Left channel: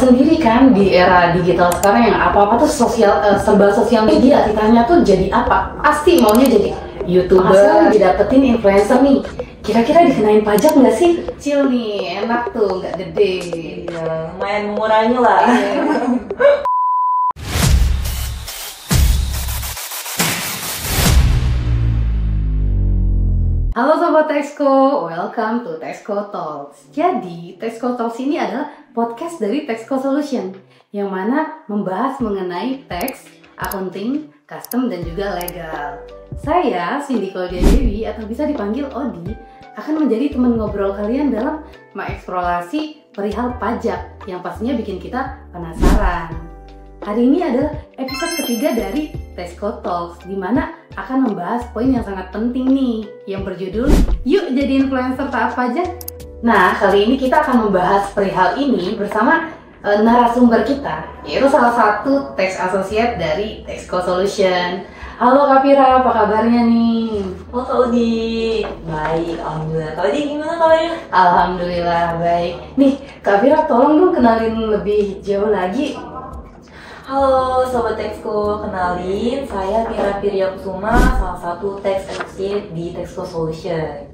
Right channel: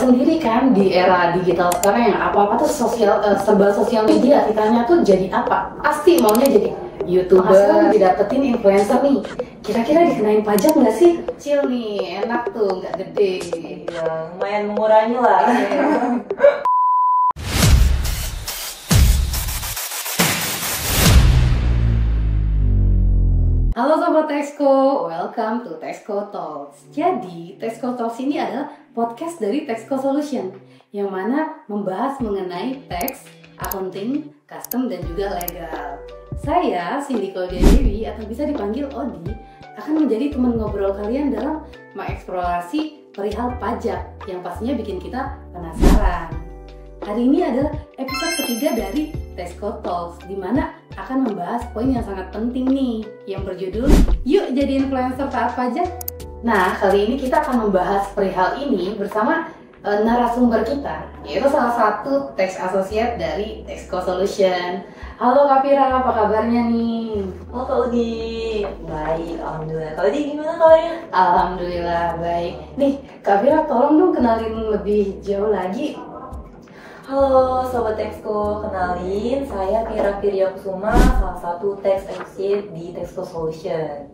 Sendiri kan di era digital sekarang yang apa-apa tuh serba sosial media, kitanya tuh jadi apa? Pasti maunya jadi YouTuber, hasil didapetin influencer nih. Kira-kira dikenain pajak nggak sih? Kecil nih, enak tuh, nggak gede. Iya, lumayan mengurangi lah. Halo Sobat Texco, welcome to Texco Talks. Jadi, Texco Talks ini adalah podcast dari Texco Solution yang mana membahas mengenai tax, accounting, custom, dan juga legal. Saya, Cindy Claudia Dewi, atau bisa dipanggil Odi, akan menjadi teman ngobrol kalian dalam mengeksplorasi perihal pajak yang pastinya bikin kita penasaran. Hari ini adalah episode ketiga dari Texco Talks, di mana akan membahas poin yang sangat penting nih, yang berjudul Yuk Jadi Influencer Taat Pajak. Nah, kali ini kita akan membahas perihal ini bersama narasumber kita, yaitu salah satu tax associate dari Texco Solution. Halo Kak Fira, apa kabarnya nih? Halo Kak Udi, baik, alhamdulillah. Kak Udi gimana kabarnya? Alhamdulillah baik. Nih Kak Fira, tolong dong kenalin lebih jauh lagi. Halo Sobat Texco, kenalin saya Mira Firyakusuma, salah satu tax associate di Texco Solution.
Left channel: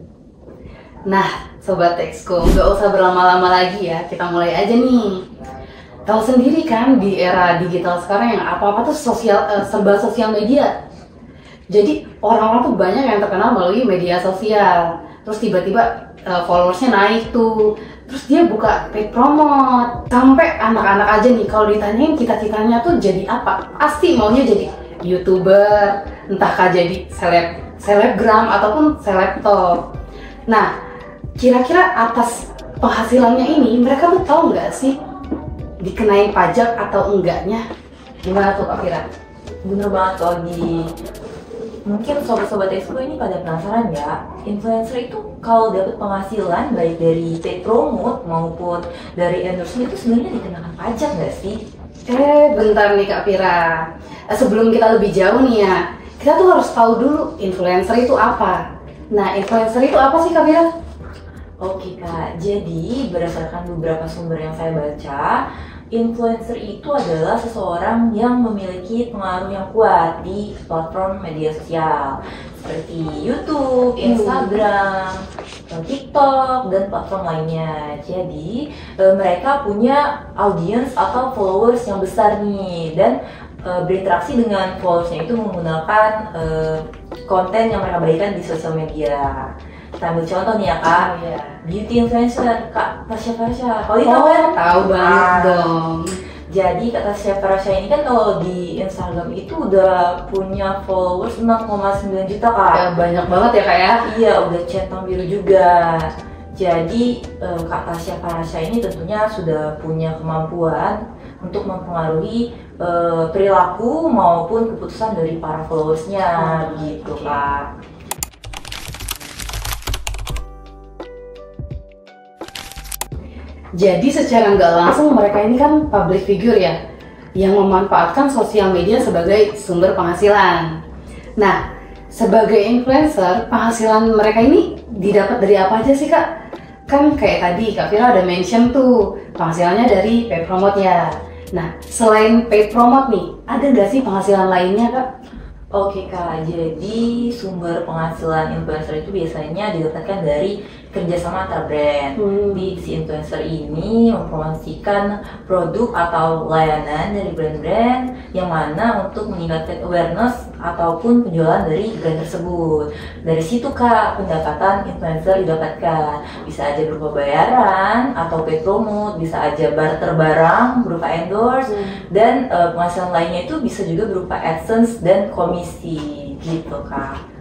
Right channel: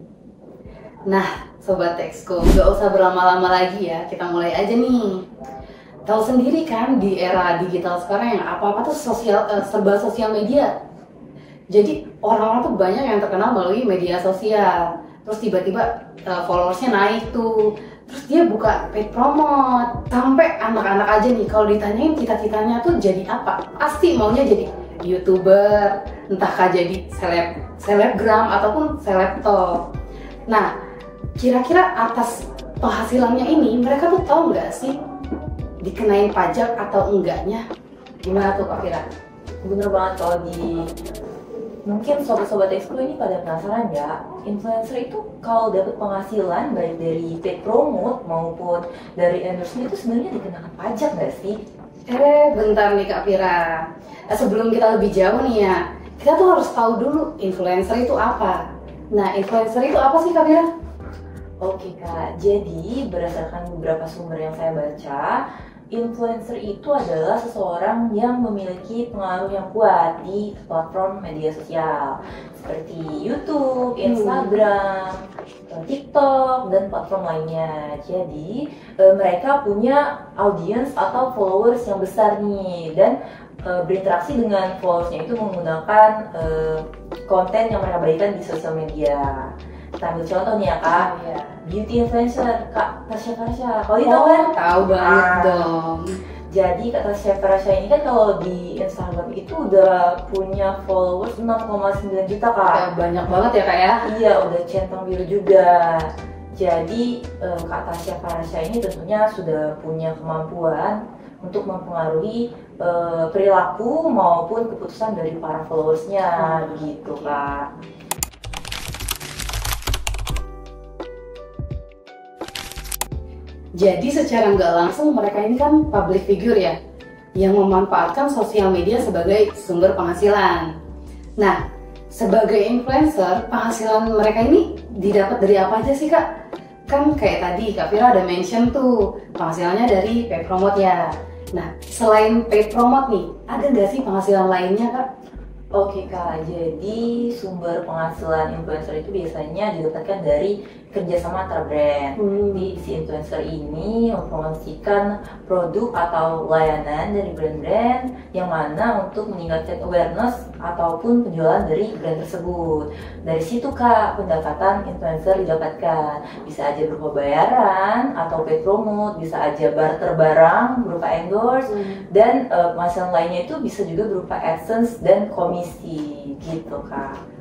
Nah Sobat Texco, gak usah berlama-lama lagi ya, kita mulai aja nih. Tahu sendiri kan di era digital sekarang yang apa-apa tuh serba sosial media. Jadi orang-orang tuh banyak yang terkenal melalui media sosial. Terus tiba-tiba followersnya naik tuh. Terus dia buka paid promote. Sampai anak-anak aja nih kalau ditanyain cita-citanya tuh jadi apa, pasti maunya jadi YouTuber, entahkah jadi selebgram ataupun selebtop. Nah, kira-kira atas penghasilannya ini mereka tuh tahu nggak sih dikenain pajak atau enggaknya? Gimana tuh Kak Fira? Bener banget Kak Odi. Mungkin sobat-sobat Texco ini pada penasaran ya, influencer itu kalau dapat penghasilan baik dari paid promote maupun dari endorsement itu sebenarnya dikenakan pajak nggak sih? Bentar nih Kak Fira. Sebelum kita lebih jauh nih ya, kita tuh harus tahu dulu influencer itu apa. Nah, influencer itu apa sih Kak Fira? Oke Kak, jadi berdasarkan beberapa sumber yang saya baca, influencer itu adalah seseorang yang memiliki pengaruh yang kuat di platform media sosial seperti YouTube, Instagram, TikTok, dan platform lainnya. Jadi mereka punya audiens atau followers yang besar nih, dan berinteraksi dengan followersnya itu menggunakan konten yang mereka berikan di sosial media. Kita ambil contoh nih ya Kak, beauty influencer Kak Tasya Farasha. Kalau tahu kan? Tahu banget dong. Jadi Kak Tasya Farasha ini kan kalau di Instagram itu udah punya followers 6,9 juta Kak. Ya, banyak banget ya Kak ya? Iya, udah centang biru juga. Jadi Kak Tasya Farasha ini tentunya sudah punya kemampuan untuk mempengaruhi perilaku maupun keputusan dari para followersnya, gitu Kak. Jadi secara nggak langsung mereka ini kan public figure ya, yang memanfaatkan sosial media sebagai sumber penghasilan. Nah, sebagai influencer, penghasilan mereka ini didapat dari apa aja sih Kak? Kan kayak tadi Kak Fira ada mention tuh, penghasilannya dari paid promote ya. Nah, selain paid promote nih, ada nggak sih penghasilan lainnya Kak? Oke Kak, jadi sumber penghasilan influencer itu biasanya didapatkan dari kerjasama antar brand. Di si influencer ini mempromosikan produk atau layanan dari brand-brand yang mana untuk meningkatkan awareness ataupun penjualan dari brand tersebut. Dari situ Kak, pendapatan influencer didapatkan. Bisa aja berupa bayaran atau paid promote, bisa aja barter barang berupa endorse, dan penghasilan lainnya itu bisa juga berupa AdSense dan komisi, gitu Kak.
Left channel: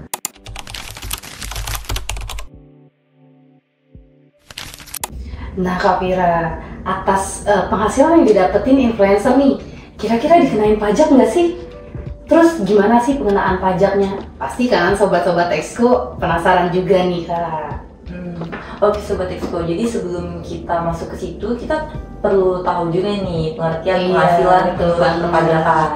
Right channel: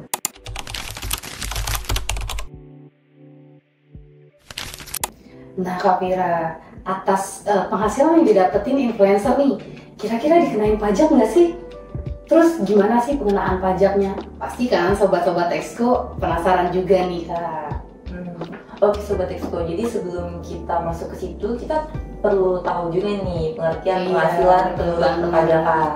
Nah Kak Fira, atas penghasilan yang didapetin influencer nih, kira-kira dikenain pajak nggak sih? Terus gimana sih pengenaan pajaknya? Pasti kan Sobat-Sobat Texco penasaran juga nih Kak. Oke Sobat Texco, jadi sebelum kita masuk ke situ, kita perlu tahu juga nih pengertian penghasilan tentang perpajakan.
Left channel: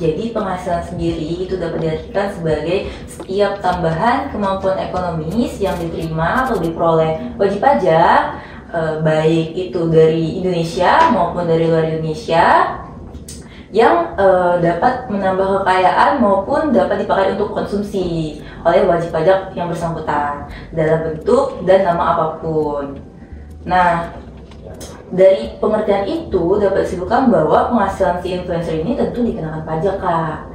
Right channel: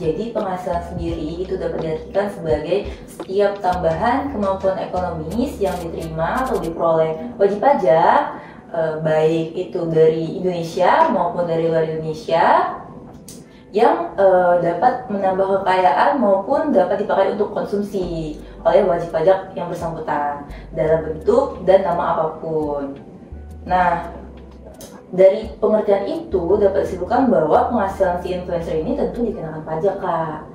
Jadi penghasilan sendiri itu dapat diartikan sebagai setiap tambahan kemampuan ekonomis yang diterima atau diperoleh wajib pajak baik itu dari Indonesia maupun dari luar Indonesia yang dapat menambah kekayaan maupun dapat dipakai untuk konsumsi oleh wajib pajak yang bersangkutan dalam bentuk dan nama apapun. Nah, dari pengertian itu dapat disimpulkan bahwa penghasilan si influencer ini tentu dikenakan pajak, Kak.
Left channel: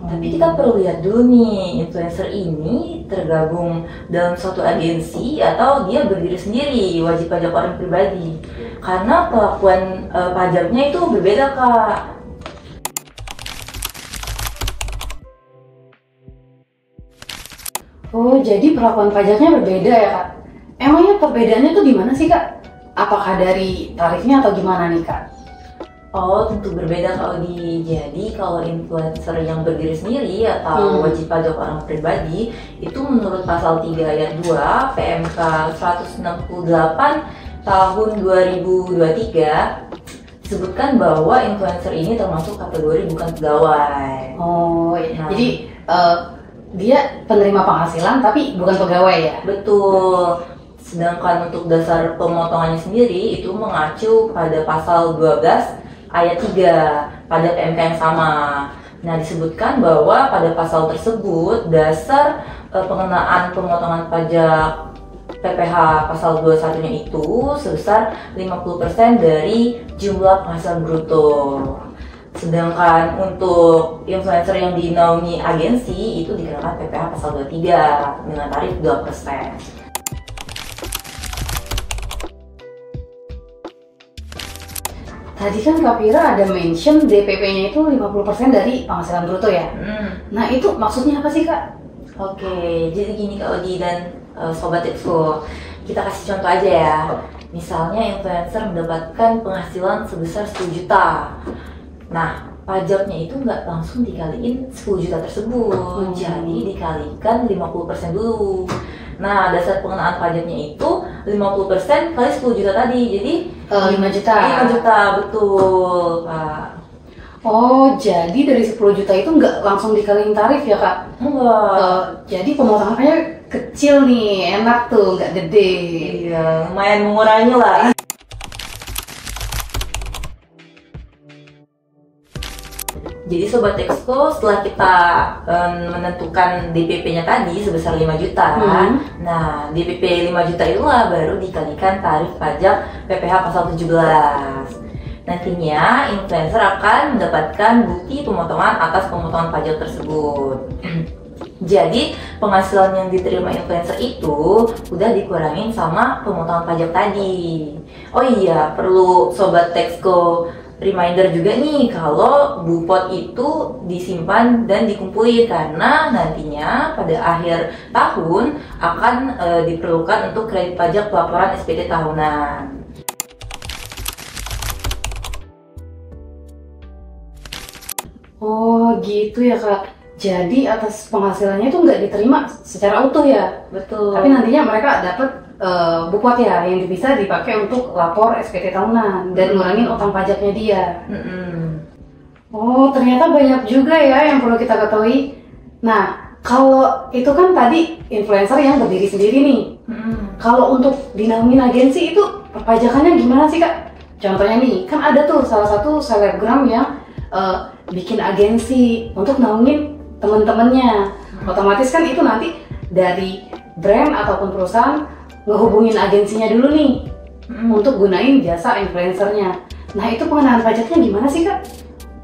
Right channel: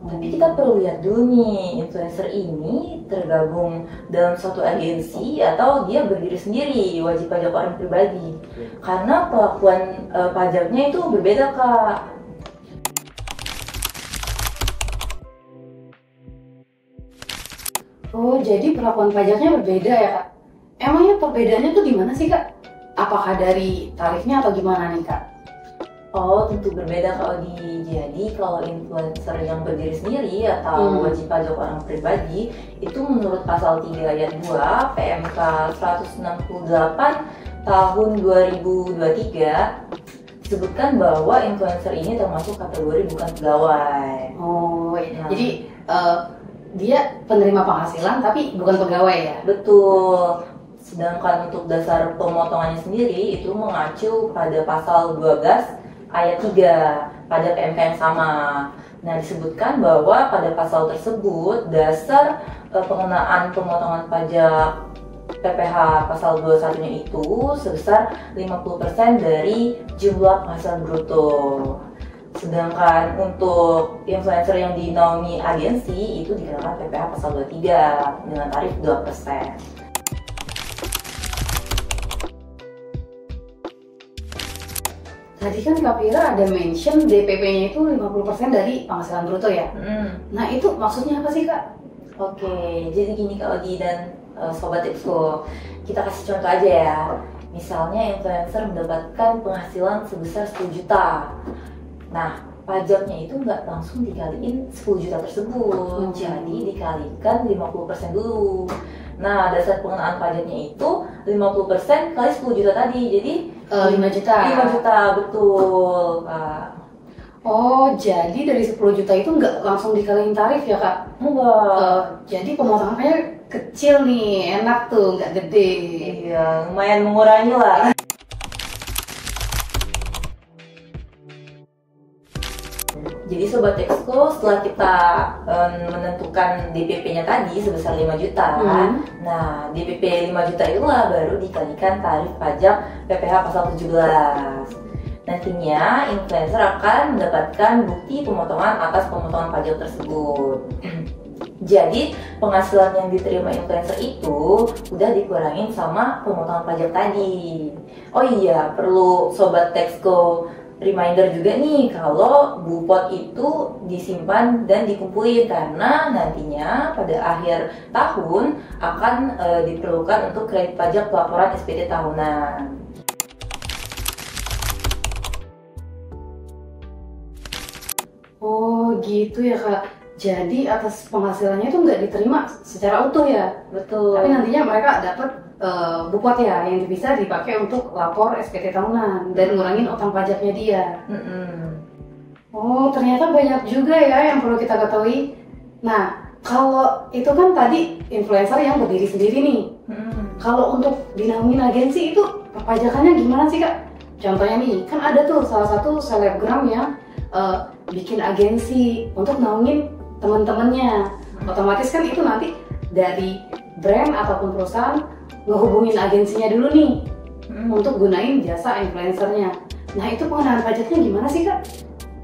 Tapi kita perlu lihat dulu nih, influencer ini tergabung dalam suatu agensi atau dia berdiri sendiri, wajib pajak orang pribadi. Karena perlakuan pajaknya itu berbeda, Kak. Oh, jadi perlakuan pajaknya berbeda ya, Kak? Emangnya perbedaannya tuh di mana sih, Kak? Apakah dari tarifnya atau gimana nih, Kak? Oh, tentu berbeda kalau jadi kalau influencer yang berdiri sendiri atau wajib pajak orang pribadi itu menurut pasal 3 ayat 2 PMK 168 tahun 2023 disebutkan bahwa influencer ini termasuk kategori bukan pegawai. Oh, iya. Jadi dia penerima penghasilan tapi bukan pegawai ya? Betul. Sedangkan untuk dasar pemotongannya sendiri itu mengacu pada pasal 12 ayat 3 pada PMK yang sama. Nah, disebutkan bahwa pada pasal tersebut dasar pengenaan pemotongan pajak PPh pasal 21-nya itu sebesar 50% dari jumlah penghasilan bruto. Sedangkan untuk influencer yang dinaungi agensi itu dikenakan PPh pasal 23 dengan tarif 2%. Tadi kan Kak Vira ada mention DPP-nya itu 50% dari penghasilan bruto ya? Nah, itu maksudnya apa sih, Kak? Oke, jadi gini Kak Odi dan Sobat Expo, kita kasih contoh aja ya. Misalnya influencer mendapatkan penghasilan sebesar 10 juta. Nah, pajaknya itu nggak langsung dikaliin 10 juta tersebut, jadi dikalikan 50% dulu. Nah, dasar pengenaan pajaknya itu 50% kali 10 juta tadi, jadi 5 juta. 5 juta, betul, Kak. Oh, jadi dari 10 juta itu nggak langsung dikaliin tarif ya, Kak? Enggak. Jadi pemotongannya kecil nih, enak tuh, nggak gede. Iya, lumayan mengurangi lah. Jadi Sobat Expo, setelah kita menentukan DPP-nya tadi sebesar 5 juta, nah DPP 5 juta itulah baru dikalikan tarif pajak PPh pasal 17. Nantinya influencer akan mendapatkan bukti pemotongan atas pemotongan pajak tersebut. Jadi penghasilan yang diterima influencer itu udah dikurangin sama pemotongan pajak tadi. Oh iya, perlu Sobat Texco reminder juga nih kalau Bupot itu disimpan dan dikumpulin karena nantinya pada akhir tahun akan diperlukan untuk kredit pajak pelaporan SPT tahunan. Oh gitu ya, Kak. Jadi atas penghasilannya itu nggak diterima secara utuh ya? Betul. Tapi nantinya mereka dapat Bupot ya yang bisa dipakai untuk lapor SPT tahunan dan ngurangin utang pajaknya dia. Oh, ternyata banyak juga ya yang perlu kita ketahui. Nah, kalau itu kan tadi influencer yang berdiri sendiri nih. Kalau untuk dinaungin agensi itu perpajakannya gimana sih, Kak? Contohnya nih, kan ada tuh salah satu selebgram yang bikin agensi untuk naungin temen-temennya. Otomatis kan itu nanti dari brand ataupun perusahaan ngehubungin agensinya dulu nih untuk gunain jasa influencernya. Nah, itu pengenaan pajaknya gimana sih, Kak?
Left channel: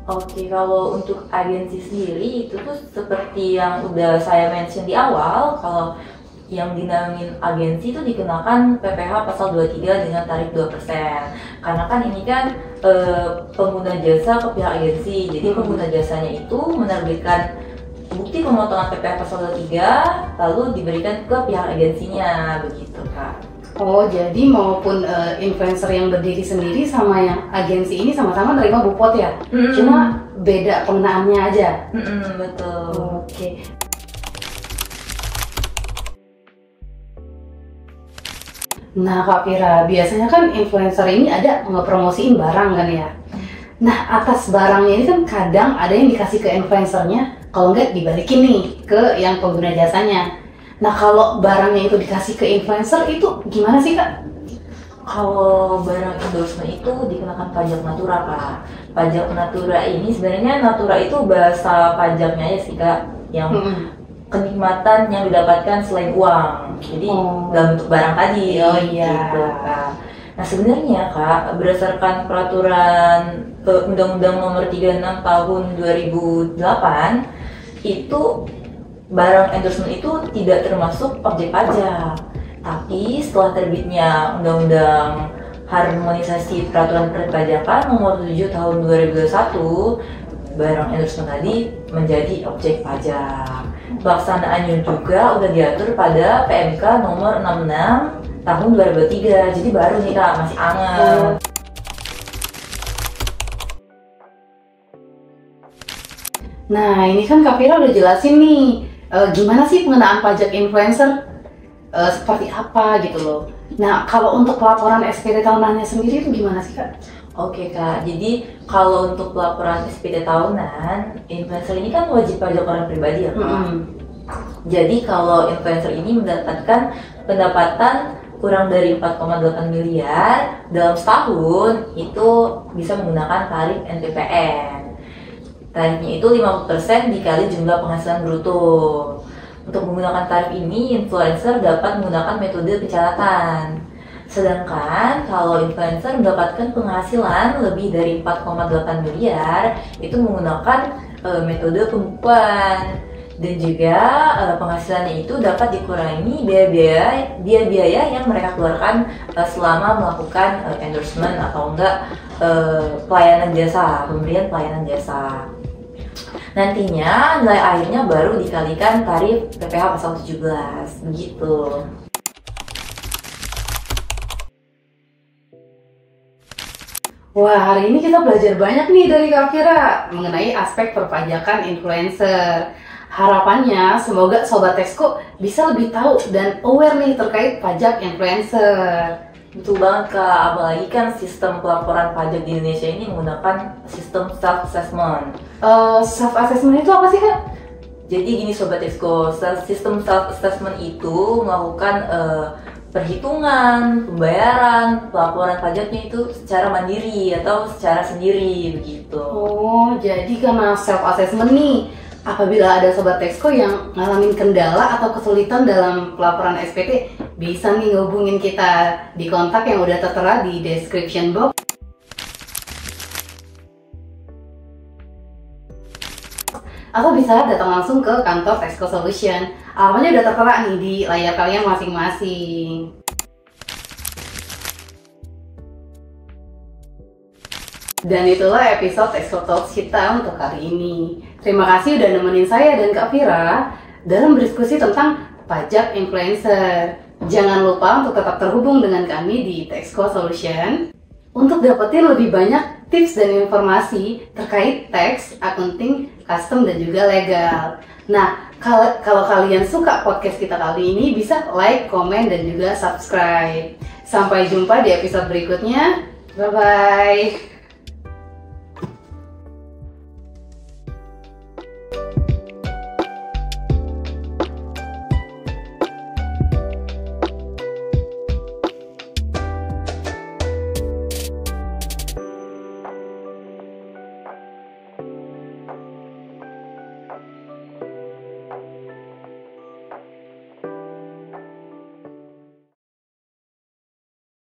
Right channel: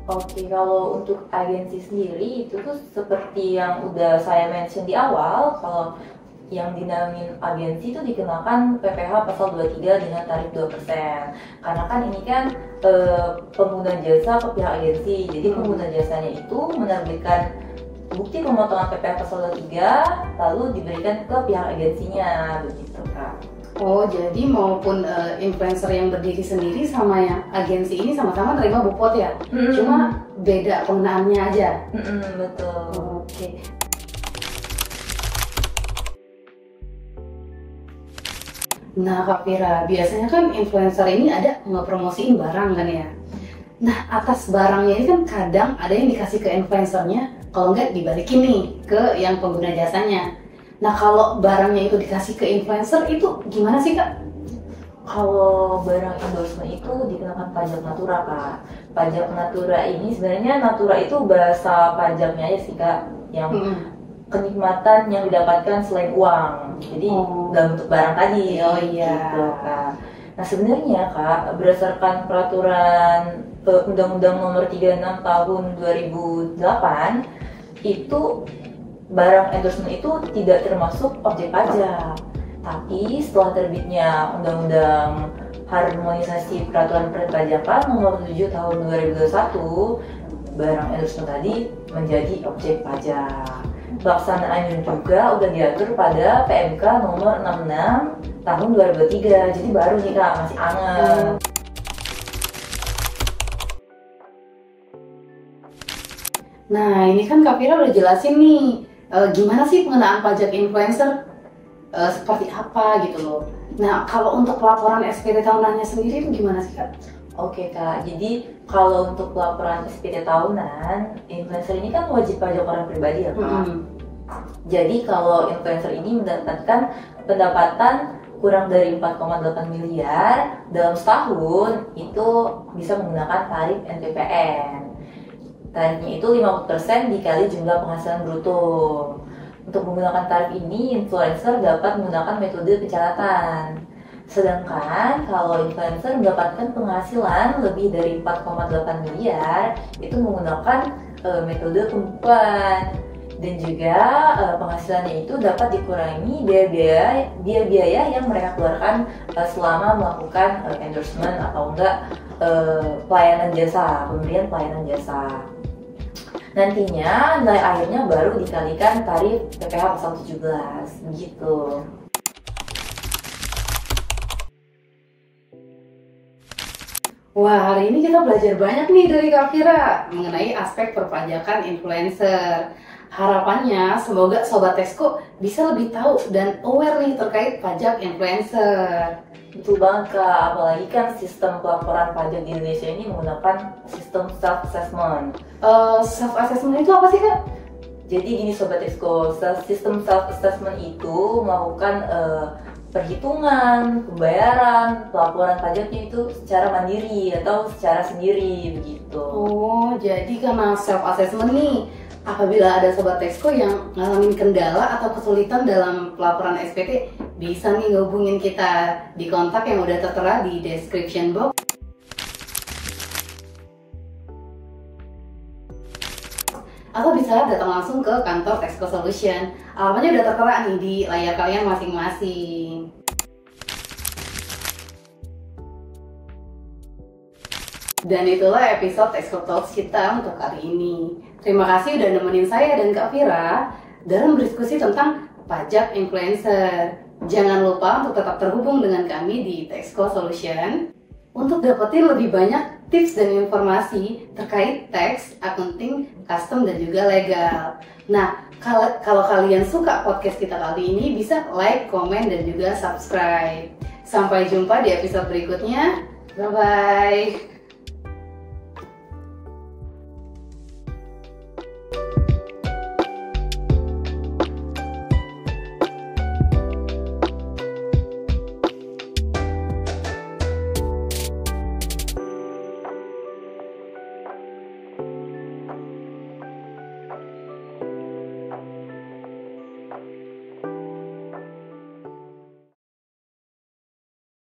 Oke, kalau untuk agensi sendiri itu tuh seperti yang udah saya mention di awal, kalau yang dinaungin agensi itu dikenakan PPh pasal 23 dengan tarif 2%. Karena kan ini kan pengguna jasa ke pihak agensi, jadi pengguna jasanya itu menerbitkan bukti pemotongan PPh pasal 23 lalu diberikan ke pihak agensinya, begitu Kak. Oh, jadi maupun influencer yang berdiri sendiri sama yang agensi ini sama-sama nerima Bupot ya? Cuma beda pengenaannya aja? Betul. Oke. Nah, Kak Vira, biasanya kan influencer ini ada ngepromosiin barang kan ya? Nah, atas barangnya ini kan kadang ada yang dikasih ke influencernya, kalau nggak dibalikin nih ke yang pengguna jasanya. Nah, kalau barangnya itu dikasih ke influencer itu gimana sih, Kak? Kalau barang endorsement itu dikenakan pajak natura, Kak. Pajak natura ini sebenarnya natura itu bahasa pajaknya aja sih, Kak, yang kenikmatan yang didapatkan selain uang. Jadi dalam bentuk barang tadi. Oh iya. Gitu, Kak. Nah sebenarnya, Kak, berdasarkan peraturan Undang-Undang Nomor 36 Tahun 2008 itu barang endorsement itu tidak termasuk objek pajak. Tapi setelah terbitnya Undang-Undang Harmonisasi Peraturan Perpajakan Nomor 7 Tahun 2021, barang endorsement tadi menjadi objek pajak. Pelaksanaannya juga udah diatur pada PMK Nomor 66 Tahun 2003. Jadi baru nih, Kak, masih anget. Nah, ini kan Kak Fira udah jelasin nih, gimana sih pengenaan pajak influencer, seperti apa gitu loh. Nah, kalau untuk pelaporan SPT tahunannya sendiri itu gimana sih, Kak? Oke, Kak, jadi kalau untuk pelaporan SPT tahunan, influencer ini kan wajib pajak orang pribadi ya, Kak. Jadi kalau influencer ini mendapatkan pendapatan kurang dari 4,8 miliar dalam setahun, itu bisa menggunakan tarif NPPN. Tarifnya itu 50% dikali jumlah penghasilan bruto. Untuk menggunakan tarif ini, influencer dapat menggunakan metode pencatatan. Sedangkan kalau influencer mendapatkan penghasilan lebih dari 4,8 miliar, itu menggunakan metode pembukuan. Dan juga penghasilannya itu dapat dikurangi biaya yang mereka keluarkan selama melakukan endorsement atau enggak pemberian pelayanan jasa. Nantinya nilai akhirnya baru dikalikan tarif PPh pasal 17, begitu. Wah, hari ini kita belajar banyak nih dari Kak Fira mengenai aspek perpajakan influencer. Harapannya semoga Sobat Texco bisa lebih tahu dan aware nih terkait pajak influencer. Betul banget, Kak, apalagi kan sistem pelaporan pajak di Indonesia ini menggunakan sistem self-assessment. Self-assessment itu apa sih, Kak? Jadi gini Sobat Texco, sistem self-assessment itu melakukan perhitungan, pembayaran, pelaporan pajaknya itu secara mandiri atau secara sendiri, begitu. Oh, jadi karena self-assessment nih, apabila ada Sobat Texco yang ngalamin kendala atau kesulitan dalam pelaporan SPT, bisa nih ngehubungin kita di kontak yang udah tertera di description box. Atau bisa datang langsung ke kantor Texco Solution. Alamatnya udah tertera nih di layar kalian masing-masing. Dan itulah episode Texco Talks kita untuk hari ini. Terima kasih udah nemenin saya dan Kak Fira dalam berdiskusi tentang pajak influencer. Jangan lupa untuk tetap terhubung dengan kami di Texco Solution untuk dapetin lebih banyak tips dan informasi terkait tax, accounting, custom, dan juga legal. Nah, kalau kalian suka podcast kita kali ini, bisa like, komen, dan juga subscribe. Sampai jumpa di episode berikutnya. Bye-bye.